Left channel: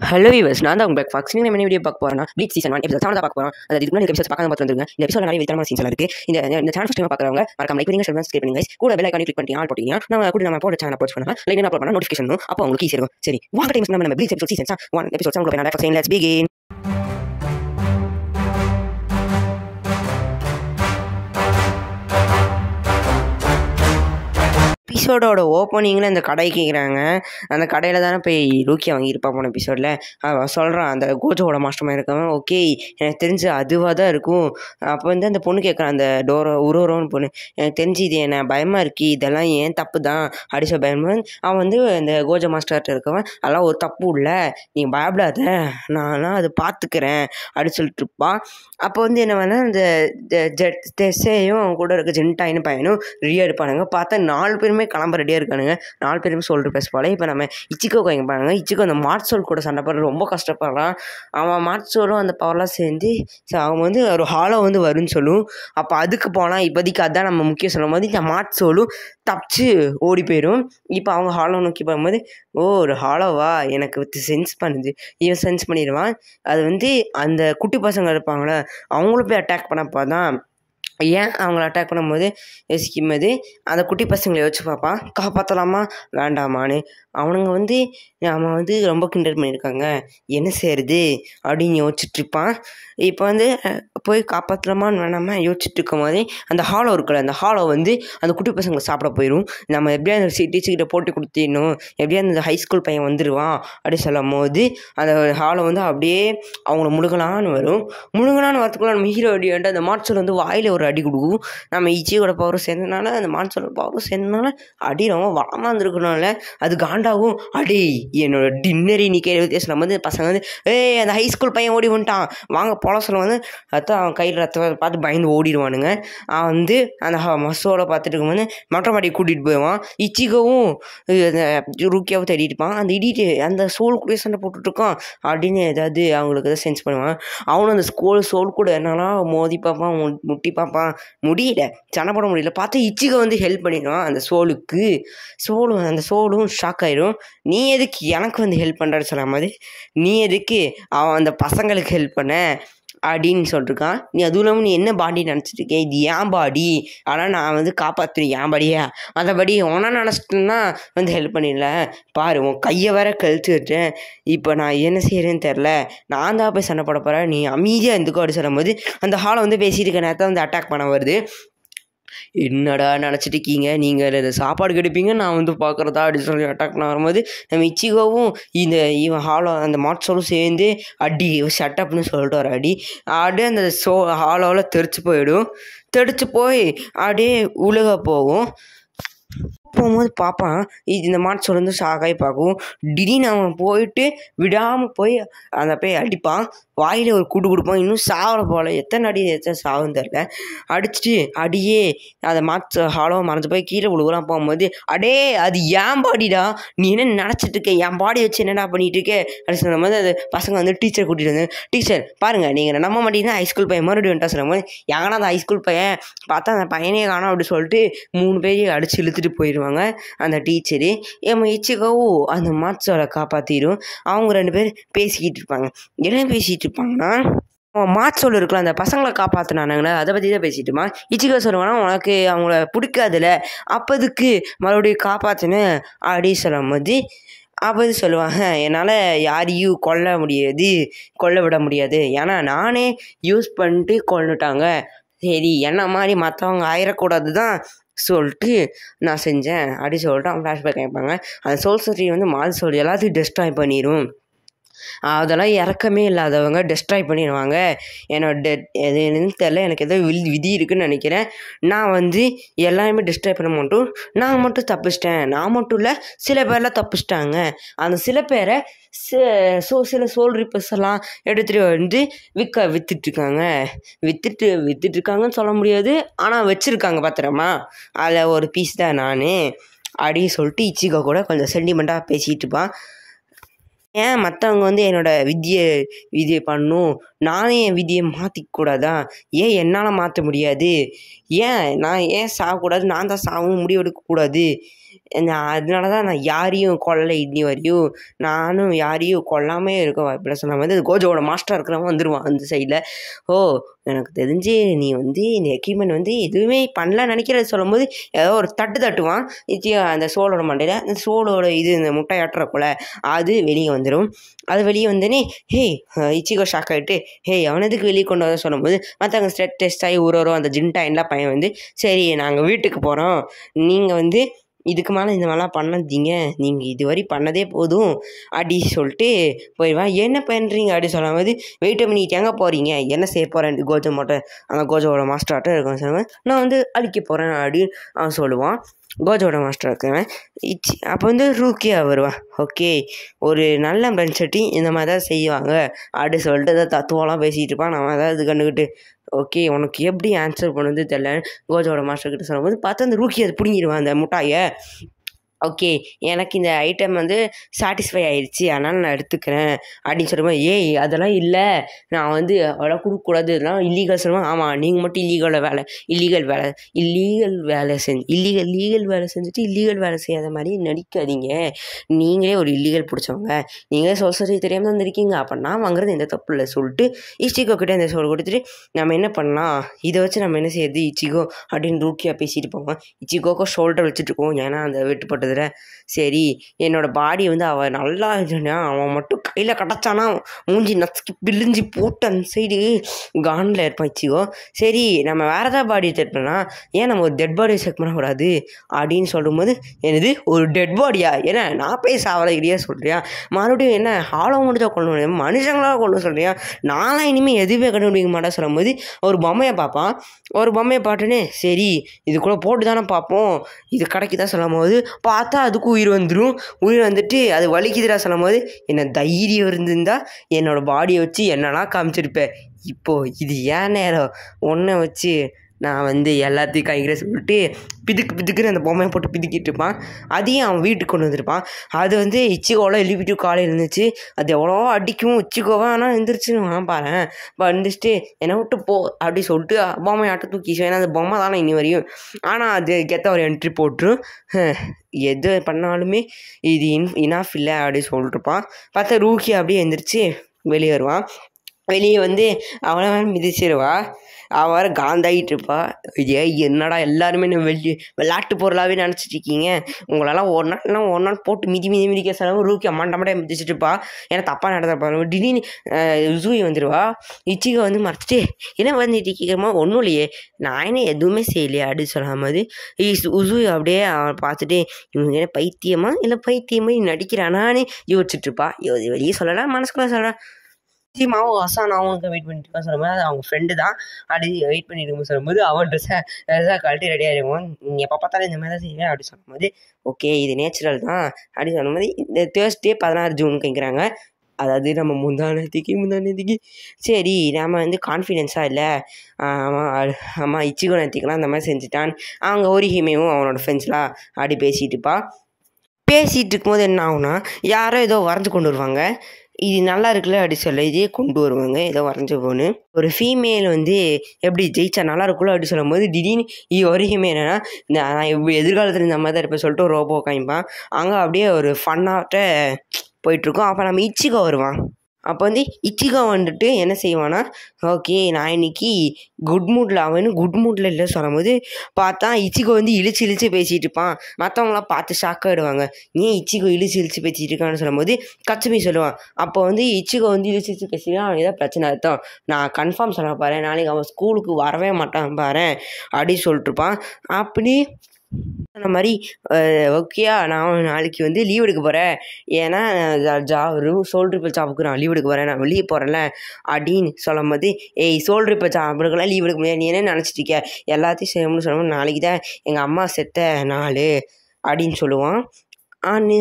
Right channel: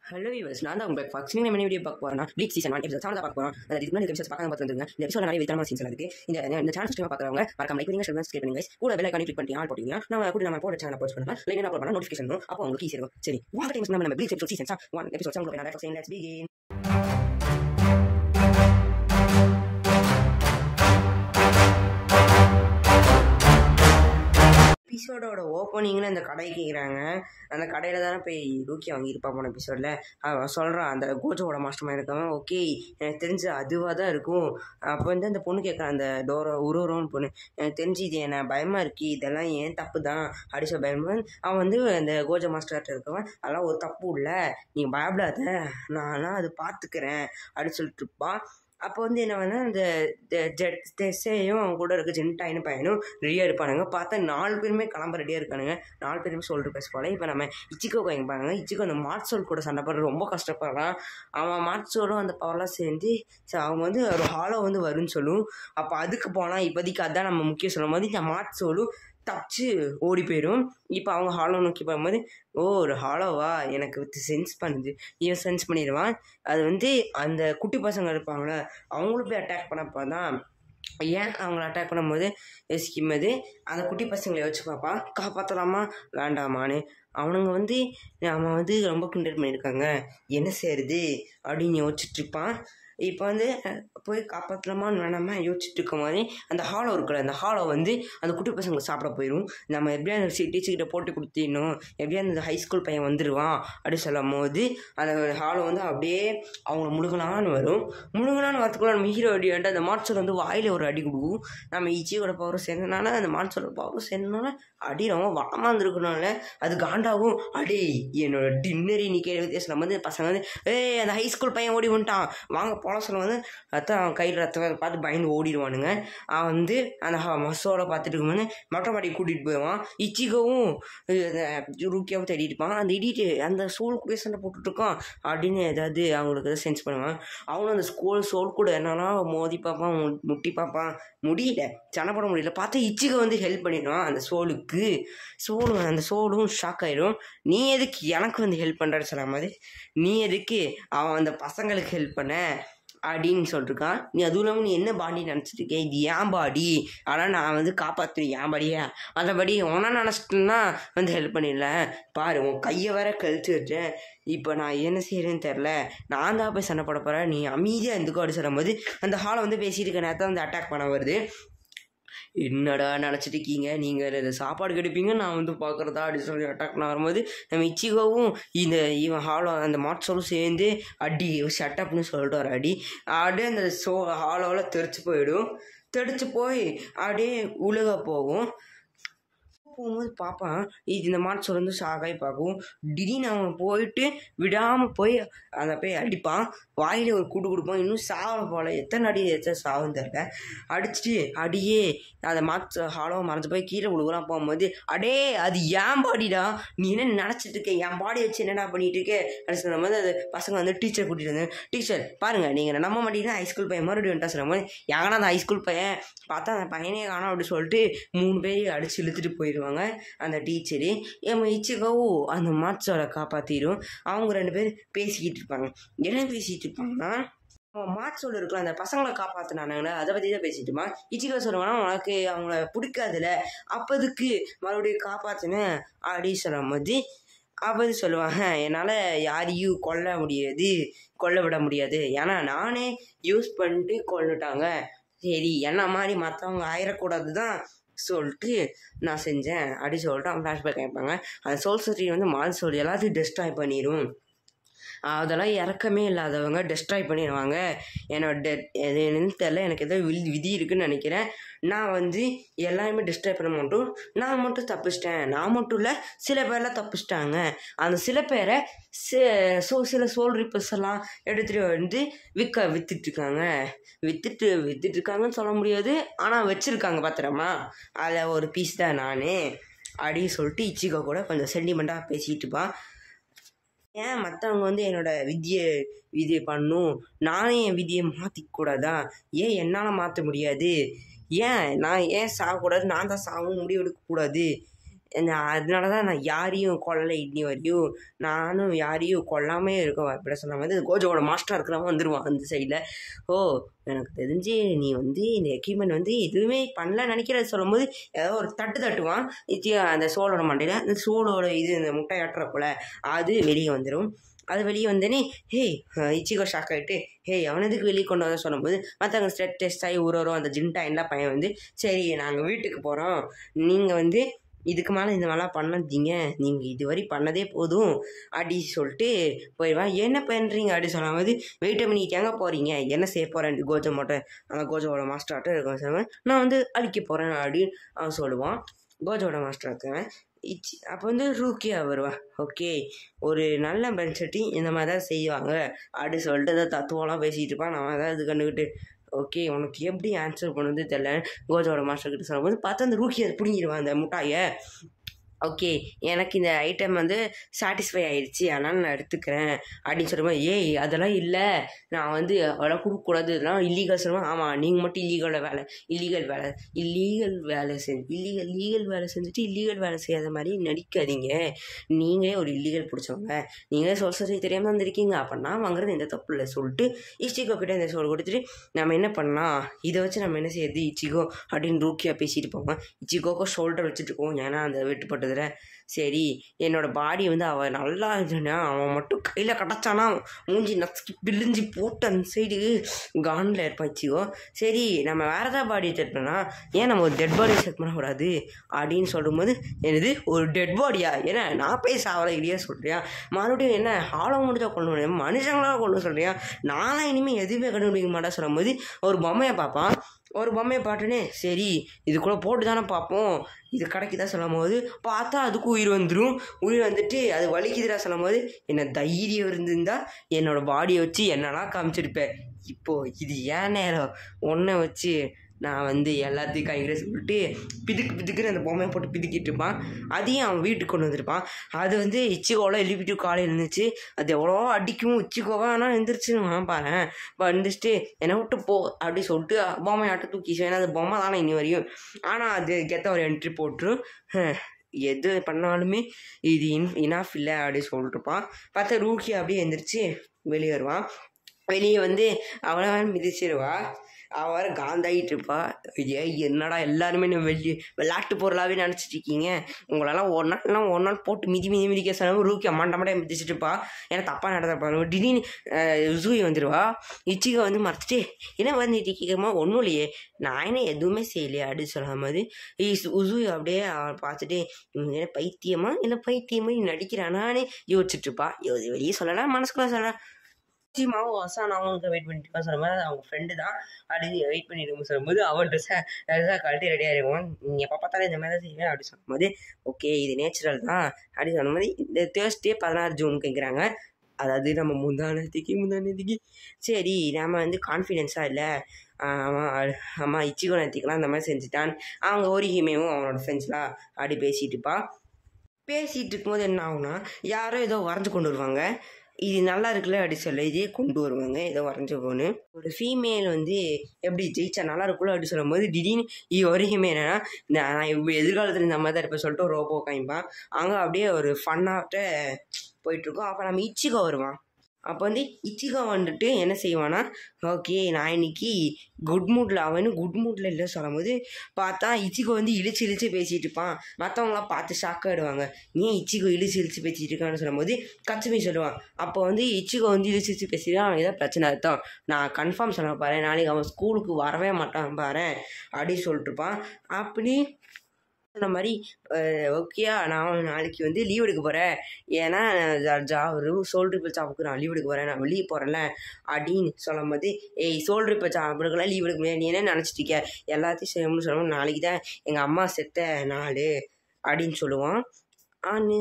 Hello viewers, நான் தான் உங்கள் ஃபாக்ஸ். நீங்கள் என்ன வீடியோ பார்க்க போகிறேன்னா ப்ளீச் சீசன் 1 எபிசோட் 7 தான் பார்க்க போகிறோம். அது இதுக்கு முன்னாடி எபிசோட் பார்க்காம பார்த்து வந்துருங்க. இந்த எபிசோட நிறைய விதமான சீன்ஸ் இருக்குது. இந்த சேனல் ஃபஸ்ட் டைம் பார்க்குறவங்க மறக்காம லைக் பண்ணுங்க, சப்ஸ்கிரைப் பண்ணுங்க. கூட பெல் ஐகானை கிளிக் பண்ணி ஆல் போட்டீங்கன்னா நம்ம போட சேனல் அப்ரோச் பண்ணலாம். லைக் அப்லோட் பண்ணா நோட்டிஃபிகேஷன் வரும். அப்போ உங்களுக்கு ஈஸியாக இருக்கும். சரி, வாங்க டைம்ஸ் நம்ம ப்ளீச் எபிசோட் சீசன் 1 எபிசோட் 7 போய் நான் லெட்ஸ் பிகின். எபிசோடோட ஓப்பனிங்கில் இந்த கடை கேட்குறாங்க. அந்த கடையில் தானே போய் ரூக்கியா வாங்கியிருப்பா போன எபிசோடில். அவன் சொல்கிறான், அந்த கோஜோட மாஸ்டர் இருக்கவன், ஓகே எனக்கு தெரிஞ்சு அதுவாக தான் இருக்கும். அப்போ வந்து அந்த பொண்ணு கேட்குறான், அந்த உரோன்னு பொண்ணு, எனக்கு தெரிஞ்சு இது என்ன பயமாக இருக்கு, இதெல்லாம் ஏன் தப்பு தான் அடிச்ச பயமாக. அவன் வந்து அந்த கோஜோ மாஸ்டர்கிட்ட இருக்கவன், அதெல்லாம் ஒரு தப்பு இல்லை, நீ பயப்படாத, நான்லாம் அதை பார்த்துக்கிறேன் அப்படின்னு சொல்லிட்டு இருப்பான். அப்போ வந்து என்ன வேணா அந்த டெஸ்ஸையும் அவன் கூட இருக்க ஜென்டாயின்னு பையனும் ரெடியாக இருப்பானுங்க. பார்த்தா 4 பேருமே கிளம்ப ரெடியாக இருக்கானுங்க. 4 பேருமே சொல்கிற பேச போல. இப்போ நம்ம இச்சிக்கோ இங்கே பாருங்க. இச்சிக்கோ அந்த மார்ட்சோல் கூட சண்டை போடுற ரொம்ப கஷ்டப்படுறான். அவன் மார்ட்சோலும் அந்த பவர்லாம் சேர்ந்து அவன் வந்து ஒரு ஹாலோ வந்து வரும்னு சொல்லும். அப்போ அதுக்கு போனால் இப்போதைக்கு அதுதான் நம்ம முக்கியம் சொல்லும் போது இந்த மார்ட்சோலும் தப்பிச்சு ஓடி போயிடும். இப்போ அவங்க ஹாலோ நோக்கி போகும்போது, ஒரு ஹாலோவா எனக்கு சென்ஸ் பண்ணுது, இவன் சென்ஸ் பண்ணிடுவான். அது வந்து அந்த குட்டி பசங்க இருப்பாங்களே அவங்களும் போய் அட்டாக் பண்ணப்போ தான் ஏன் அவங்கள அட்டாக் பண்ணும்போது யோசிக்கும்போது அந்த குட்டி பசங்களை யோசிச்சு பார்ப்பான், காப்பாற்றலாமா வேண்டாமான்னு. அவனுங்க வந்து அவன் வந்து ரொம்ப கிண்டல் பண்ணியிருக்காங்க, என்ன செய்யுது அப்படின்னு யோசிச்சுட்ருப்பான். இப்போ வந்து போய் காப்பாற்றலாமான்னு வேணாமா யோசிச்சுட்டு இருக்கும் போதே அந்த ஹாலோ இருக்குல்ல, அந்த ஹாலோ வந்து அந்த குட்டி பசங்களை சாப்பிட போயிடும். நம்ம எப்படியா அந்த டீச்சர்கிட்ட போட்டு கொடுத்திடணும், எப்படியா அந்த ஹைஸ்கூல் பையன் வந்துடுவான் அப்படின்னு சொல்லும் போது அந்த ஹாலோ வந்து அப்படியே அவங்கள முழுகலான்னு வரும். முழுகலான்னு வரத்துக்குள்ள நம்ம ஹீரோ அடி வேண்டாம். அந்த மாட்சோல் வந்து வாயில் ஒரு அடி கொடுக்கும். நம்ம இச்சியோட பவரும் சேர்ந்ததுனால அந்த மாட்சோட பவரும் சேர்ந்ததுனால அடி ரொம்ப வளமாக இருந்துருக்கணும்ல, அது காண்டாகும். அடி என்னோட டின்னரி நீ கேள்வி வித்தியாசம் வந்து பசங்க வந்து அந்த ஹைஸ்கூல் பையன் ஓடி வந்துட்டான் வாங்க போல சொல்ல வந்து அதான் அவன் கையில் ரத்த பார்த்து பயந்து ஓடிடுவானுங்க. அவன் வந்து அந்த மசோலை பார்த்துட்டு இருக்கும்போது மொட்டை மாடி கூட்டிகிட்டு போயிடுவான். இச்சிகவும் அந்த ரூக்கியாவும் தேடிட்டு இருப்பான். அந்த இடிட்டு அந்த சோல் கூட சண்டை போட்டுட்ருக்கான் அப்படின்னு ஏதாவது அவங்களுக்கு எதாவது சென்ஸ் பண்ணுவான். அவனும் அந்த சோல் கூட என்னெல்லாம் மோதி பார்ப்பான், முட்டி பார்ப்பான், முடியல, சண்டை போட முடியல. பார்த்தா இச்சிகை வந்து ஹெல்ப் பண்ணிடுவான் அந்த சோலுக்கு. அந்த சோலும் ஷாக் ஆயிடும். நீ எதுக்கு எனக்கு வந்து ஹெல்ப் பண்ணுறான்னு சொல்ல மாதிரி, நீ எதுக்கு அவன் அந்த பசங்களுக்கு ஹெல்ப் பண்ண அப்படின்னு சொல்லிட்டுருக்கான். நீ அதுவும் இல்லாமல் நீ என்ன பாடி நினச்சிட்ருக்கேன், இது ஏன் பாடி, ஆனால் நான் வந்து காப்பாற்றுறேன் ஏன் பாடியா, மற்றபடி ஒன்றா நினச்சிட்டுன்னா வந்து ஹெல்ப் பண்ணிடல, பாரு உன் கையை வேற கழிச்சு விட்டேன், இப்போ நான் என்ன செய்கிறேன்னு தெரில, நான் தான் போய் சண்டை போட போகிறேன், நீ அமைதியாக இருந்துக்கோ அப்படி சொல்லும்போது அந்த ஹாலை வந்து பேசிட்டு இருக்க நேரத்தை வந்து அட்டாக் பண்ண வருது. என்னடா நினச்சிட்டு இருக்கீங்க நீங்கள், சாப்பாடு கெடுப்பீங்க நான் வந்து பார்க்குறதா அப்படின்னு சொல்லி அட்டாக் பண்ண வரும்போது நம்ம இச்சிகவும் இவன் ஹாலோ அந்த மாட்சோலும் சேர்ந்து அடி ஷட்டப்னு சொல்லிட்டு வர அப்படியே அந்த ஹாலோவில் தெரிச்சு போய் அப்படியே உலக போகும். போகும்போது பார்ப்பான், இந்த மாட்சோல் வந்து ஷாக்காகி பார்க்கும். திடீர்னு அவன் போயிட்டு விடாமல் போய் அந்த போய் அடிப்பான், வாயில் ஒரு கூட்டு கொடுப்பான். இன்னும் சாவலை போல், எத்தனை சாவுன்னு தெரில, அடிச்சுட்டு அடியே அந்த ஹாலோ மறைஞ்சு போய் கீழே விழுகுறான். போகும்போது அடே அது ஏன் பாடிடா, நீ என்ன நினச்சிட்டு இருக்க, என் பாடி வச்சு என்னடா பண்ணிட்டு இருக்கே அப்படின்னு சொல்லும் போது அது பசங்க வந்து டீச்சர் கூட்டிகிட்டு வந்து, டீச்சர் பாருங்கள் நீங்கள் நம்ப மாட்டீங்கன்னா ஹைஸ்கூல் பையன் மறுபடியும் வந்துட்டா சொல்லும் போது, எங்கன்னா அந்த ஹைஸ்கூல் பையன் பார்த்தா அந்த பையனே காணோம் அப்படின்னு சொல்லிட்டு 3 பேரையும் அடித்து இழுத்துட்டு போயிடுவாங்க அந்த டீச்சரு. நம்ம இச்சிகவும் அந்த மாட்சோலை காப்பாற்றிடும். அவங்க 2 பேர் பேசிக்கிட்டு இருப்பாங்க. என்ன பேசிகிட்டு இருப்பாங்கன்னா, மாட்சோல் இருக்கலாம் அந்த பசங்களை காப்பாற்றினானுங்களே அதை பற்றி தான் பேசிட்டுமா. இச்சிகா சொல்லுவானா, உனக்கு அவங்கள பிடிக்காதுல, அப்போதுக்கு மறுபடியும் காப்பாற்றினேன் அப்படி சொல்லும் போது அப்போ சொல்லுவாங்க, என்னால் யாரையும் கொல்ல விட முடியாது, ஏன்னா நானே யூஸ் பண்ணிட்டு கொல்லுட்டாங்க, சரி என்ன மாதிரி மற்றவங்க ஆயிடக்கூடாது தான் சொல்லிட்டு நான் செஞ்சேன் அப்படி சொல்லிட்டு அவங்க ஃப்ளாஷ்பேக் கேட்பாங்க. அந்த சோல் சோரி வந்து மால் சோல் எல்லாத்தையும் டெஸ்ட்ராய் பண்ணிடும், அதெல்லாம் இறக்கமே இல்லாதவங்க டெஸ்ட்ராய் பண்ணிடுவாங்க, என்னோட எதுன்னு தெரில, எனக்கு ஏதோ விதி இருக்குதுன்னு நினைக்கிறேன், நான் வந்து எல்லாருமே டெஸ்ட்ராய் பண்ண மாட்டோம், நான் மட்டும் தப்பிச்சிட்டேன், நான் மட்டும் இல்லை சில பேர்லாம் தப்பிச்சிட்டாங்க, அந்த சில பேரை சில சோல் ரிப்பர்ஸ் எல்லாம் எடுத்துகிட்டு வந்து விற்றுட்ருக்காங்கன்னு சொல்ல முடியாது, ஆனால் வச்சுருக்காங்க பத்திரமா, அதில் ஒரு பீஸ் தான் நான் அப்படின்னு சொல்லிட்டு இச்சிகா கூட கொஞ்சம் சென்டிமெண்ட்டாக பேசிகிட்டு இருப்பான். ஏன் மற்றவங்க வந்து என்னோடய விதியை பண்ணணும், நானே என் விதியை மாற்றிக்கூடாதா, ஏன் என்னால் மாற்ற முடியாது, நான் ஏன் சாகக்கூடாது, நான் தான் சாகவும் முடிவெடுக்கக்கூடாது, அதனால தான் நான் யாரையும் கொல்லலை இன்னி வரையும், நானும் யாரையும் கொல்லாமே இருக்க வாய்ப்பில்லை சொன்ன மாதிரி கோஜோவோட மாஸ்டராக இருக்கிறவன் வந்துடுவான் அந்த சைடில். ஓ எனக்கு தெரிஞ்சு நீ வந்து இந்த எக்யூப்மெண்ட் வந்து எதுவுமே பண்ணலன்னு நினைக்கிறது சொல்லும்போது ஏதோ ஒரு தட்டுவான் அந்த சோளோட மண்டையில். அந்த சோளோட இந்த முட்டையாட்டுற போல் அது வெளியே வந்துடும். அது வெளியே வந்தோடனே இச்சிகோ ஷாக் ஆகிட்டு அவனதுக்கு வெளியே கொண்டு வர சொல்லும்போது மற்றவங்க ஸ்ட்ரெட் டெஸ்ட் ஆகி ஒரு அந்த ஜின்டாயின்லாம் பையன் வந்து சரி நாங்கள் வீட்டுக்கு போகிறோம், நீங்கள் வந்து இதுக்கு மேலே இந்த மாதிரிலாம் பண்ணாதீங்க, நீங்கள் இதுவரை பண்ணதே போதும் அப்படி சொல்லிட்டு போயிடுவான். என்ன பண்ணுறீங்க அப்படி சொல்லும்போது வெயிட் பண்ணிட்டு எங்கே போகிறீங்க, என்ன செய்ய போகிறேன் கோஜோ மட்டும் அந்த கோஜோவோட மாஸ்டர்கிட்ட இருக்கும் சொல்லுவேன், நான் வந்து அழிக்க போகிறேன் அப்படின்னு அவன் சொல்லுவான். கோஜோட மாஸ்டர் இருக்கிறவன் அப்போ வந்து ரூக்கியா வருவான். ஓகே ஒரு நல்ல ஃப்ரெண்ட்ஸட்டி இந்த மாதிரி தான் செய்வாங்க அப்படி சொல்லிட்டு ஏதாவது தத்துவம்லாம் பேசிகிட்டு இருப்பான். நம்ம ஏதாவது கண்டுக்கிட்டு ஓகே உனக்கு எப்படி ஆன்சர் பண்ணுறது தெரியல கோஜோட மாஸ்டர்கிட்ட சொல்லும்போது பார்த்தா அந்த ரூக்கி அதை பிடிங்கிடுவான் அந்த முட்டாயை. ஓகே எனக்கு இந்த ஐட்டம் வந்து சாட்டிஸ்ஃபை ஆகிடுச்சி அதனால் நான் எடுத்துக்கிறேன் அப்படின்னு சொல்லுவேன். அதெல்லாம் இல்லை, நான் வந்து அதெல்லாம் கொடுக்கக்கூடாது, இதெல்லாம் இல்லீகல் சொல்லுவேன். ஆமாம் நீங்கள் மட்டும் லீகல் வேலை செஞ்சுட்டு இல்லீகல் வேலை செய்யாத மாதிரி நடிக்காதீங்க, நீங்களே ஒரு இல்லீகல் பிடிச்சவங்க, நீங்களே சொசைட்டி தெரியாமல் வந்திருக்கீங்க, அப்போ நான் வாங்குறது எந்த தப்பு இல்லை சொல்லிட்டு இச்சிகோ கிட்டே இந்த சோல் கொடுத்துட்டு நம்ம என்ன பண்ணலாம், இதை வச்சு நம்ம என்ன செய்யறது இச்சிகோ அப்படின்னு ரூக்கியாக பேசிட்டு போவோம். இச்சிகோக்கோ ஷோல்டர் வச்சுட்டு இருக்கோம், ஏன்னா அந்த வெட்டுப்பட்டதில் சரி என்னோடய பாடி வந்து அவன் நல்லா இருந்தா அவன் மட்டும் கையில் கிடச்சானா மூஞ்சி நச்சுக்கி பிழிஞ்சி போட்டு அந்த சைடு கானில் இருப்பான் இச்சிகோ. சரி நம்ம வேறு ஏதாவது பாடி செக் பண்ணால் ஏன் நம்ம ஒரு டெட் பாடி செக் பண்ணக்கூடாது அப்படின்னு சொல்லும்போது எனது ஒரு டெட் பாடியா, ஏன்னா நான் போய் சாவலையா சொல்கிறியா, மறுபடியும் என்ன ஹாலோ மட்டும் தான் கொண்டு முடியும், மனுஷங்களாக கொண்டு சொல்கிறியா, நான்லாம் இனிமேல் எதுவுமே கண்டுபிடிக்க மாட்டேன் சொல்லும்போது ஒரு பொம்மையை பார்ப்பான். ஒரு பொம்மையை பார்த்துன்னு சரி இது கூட போட்டு தானே பார்ப்போம் இது கடைக்கு தான் சொல்லும் போது பார்த்தா அதுக்கும் உயிர் வந்துடும். உயிர் வந்துட்டு அது வலிக்குதுடா சொல்லும் போது என்ன தைரியம் இருந்திருந்தா என்னோடய பாடியை வச்சு என்னெல்லாம் காமிச்சிருப்பேன், இப்போது இது ஏன் நேரம் ஒன்றை வச்சு நான் வந்து எல்லாத்தையும் கைகிற சொல்லிட்டு பிதுக்குன்னு அந்த பொம்மையை போட்டு பிதுக்கிட்டு இருப்பான். அதையும் அவன் வீட்டுக்கு கொண்டு வந்துருப்பான். அது வந்து இச்சிகோவில் எழுப்பிட்டு காலையில் இருந்துச்சு, அது எவ்வளோ அடிக்கும் இச்சிகோவா, ஆனால் எழுந்திரிச்சு நான் பாரு வந்துச்சுட்டு என்னை விட்டு போ அப்படி சொல்லிட்டு பொம்மை ஆட்ட தூக்கி, ஏன்னா அந்த பொம்மை தானே இனி வரையும், ஆனால் அது கெத்த ஒரு என்ட்ரி போட்டுரும். எது பண்ணாலுமே இது இனாஃப் இல்லை அப்படின்னு சொல்லிட்டுருப்பான். பார்த்தா ரூக்கி அப்படியே எழுந்திரிச்சு வெளியே வருவான். வெளியே வந்து அவனை மிதிச்சிருவா. அவன் வேறு காந்தாகிட்டு இருப்பா. என்னடா எல்லாருமே விளையாட்டு பொருளாகவே நினச்சிட்டு இருக்கீங்க, உங்களெல்லாம் ஒரு நாள் போட்டு மிதிக்க சொல்லாமல் ரூக்கி அம்மாண்டே மிதிச்சிட்டு இருப்பா. ஏன்னா தப்பாக நடந்தப்பாரு. திடீர்னு உசூயி வந்துடுவா. இச்சிகோ வந்து மறைச்சிட்டு என்ன வந்துட்டு கேட்குறமா, ஒன்றும் இல்லையே நான் என்ன எதுவுமே செய்யலையே அப்படின்னு சொல்லாமது உசூயி அப்படியே அவன் பார்த்துட்டு இவங்க என்ன பைத்தியமா இல்லை பைத்தியமா நடிக்கிறானான்னு யோசிச்சுட்டு இருப்பா. வெளியே சொல்லலாம் மனசுக்குள்ள சொல்லலாம். மாவும் அசானாவும் வெயிட் பண்ணிட்டு இருக்கா சொல்லும்போது அது அவங்க ஃப்ரெண்டு தான் அப்படி வெயிட் பண்ணிட்டு இருக்கும் சொல்லும்போது அவள் ட்ரெஸ்ஸாக கழட்டி ரெடியாக இருக்கும். நீங்கள் எப்போ பார்த்தாலும் இந்த மாதிரி தான் செய்யுங்க அப்படி சொல்லும்போது ஓகே இது நேச்சுரல் தான் அப்படின்னு சொல்லும்போது இந்த தேர்ஸ்டே 16 ஜூன் கேட்குறாங்க. அதாவது நம்ம முந்தானத்துக்கு சரி நம்ம வந்து கான்ஃபிடென்ஸாக இல்லை, ஆமாம் இச்சிகோ நேற்றுக்கெலாம் அந்த மாதிரி செஞ்சுட்டான். அவங்க ஓரிஹிமேவும் அவனோட ஃப்ரெண்ட்ஸ்லாம் அப்படி பேசிகிட்டு இருக்கும்போது என்ன ஆகுனா யாரோ ஏதோ வரைஞ்சி கொண்டு வருவாங்க. இது நல்லா இருக்குல்ல அப்படி சொல்ல இதே கொண்டு வருவாங்க ஏதோ வரைஞ்ச போன்னு. ஒரு ஃபீமேல் வந்து எப்படி ஜெயிச்சா நல்லா இருக்குல்ல அப்படி சொல்லும் போது திடீர்னு வரைக்குமே என்னென்னா நான் எதிர்காலத்தில் இந்த மாதிரி தான் இருப்பேன் சொல்லிட்டு ஒரு ரோபோ காமிப்பான். அங்கே அப்படியே ஒரு ஃபன்னாகிட்ட போயிட்டுருக்கோம். அப்போ நம்ம இச்சிகோ வருவான். அப்போ வந்து இச்சிகோ வந்துட்டு என்ன செய்வான்னா ஓகே நான் இன்னைக்கு குட் மூடில் இல்லை சொல்லும்போது பார்த்தா இச்சிகோ வந்து இழிச்சு பேசிகிட்டு இருப்பான். மற்றவங்களாம் பார்த்து ஷாக் ஆகிடுவாங்க, ஏன் இச்சிகோ இழிச்சு பேசிகிட்டு இருக்கான்னு சொல்லும்போது கச்சுமி சொல்லுவான். அப்போ வந்து இச்சிகோ வந்து இழிச்சு பேசிட்டு அவன் ஏதாவது பிரச்சனை அர்த்தம், நான் கன்ஃபார்ம் சொல்ல பாரு நாளைக்கு அவன் ஸ்கூலுக்கு வரவே மாட்டான் பாரு அப்படி சொல்லிட்டுருப்பான். அப்படி அந்த மாதிரி ஓகேயா நான் நாளைக்கு வந்து லீவ் எடுக்க போகிறேன், ஏன்னா சோல்ட்ரு ஜாபுக்கு நான் லீவ் எடுக்க போகிறேன், நான் வெளியே போகிறேன்ல அப்படின்னு சொல்லும் போது சோல்ட்ரு ஜாபுக்கெல்லாம் லீவ் எடுக்க முடியாது, நீ என்ன நினச்சிட்டிருக்க எல்லாத்தையும் செய்யணும்னு சொல்லும்போது நாளைக்கு தான் எங்கள் அம்மா செத்த நாள் அப்படின்னு சொல்லுவான்.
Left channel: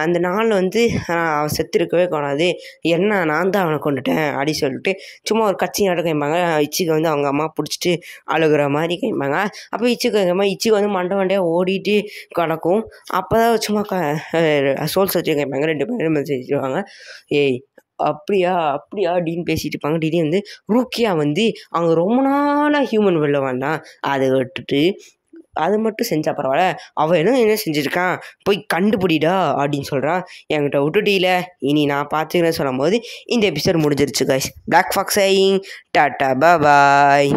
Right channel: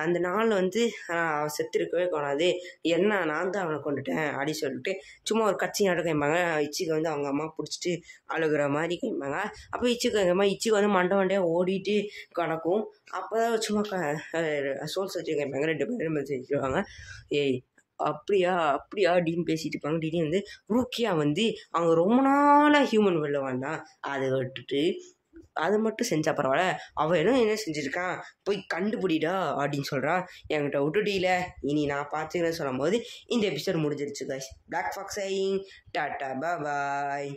அந்த நாள் வந்து அவன் செத்து இருக்கவே கூடாது, என்ன நான் தான் அவனை கொண்டுட்டேன் அப்படி சொல்லிட்டு சும்மா ஒரு கட்சி நாட்டம் கேட்பாங்க. இச்சிக்கு வந்து அவங்க அம்மா பிடிச்சிட்டு அழுகிற மாதிரி கேட்பாங்க. அப்போ இச்சிக்கு வந்து மண்டையாக ஓடிட்டு கிடக்கும். அப்போ தான் சும்மா சோல் சர்ச்சை கேட்பாங்க. 2 பேரும் வச்சுருவாங்க. அப்படியா அப்படின்னு பேசிகிட்டு இருப்பாங்க. திடீர்னு வந்து ரூக்கியா வந்து அவங்க ரொம்ப நாளாக ஹியூமன் வெளில வேண்டாம் அதை விட்டுட்டு அது மட்டும் செஞ்சால் பரவாயில்ல, அவன் என்ன செஞ்சுருக்கான் போய் கண்டுபிடிடா அப்படின்னு சொல்கிறான். என்கிட்ட விட்டுட்டீல, இனி நான் பார்த்துக்கிறேன்னு சொல்லும் போது இந்த எபிசோட் முடிஞ்சிருச்சு guys. Black fox saying tata பாய்.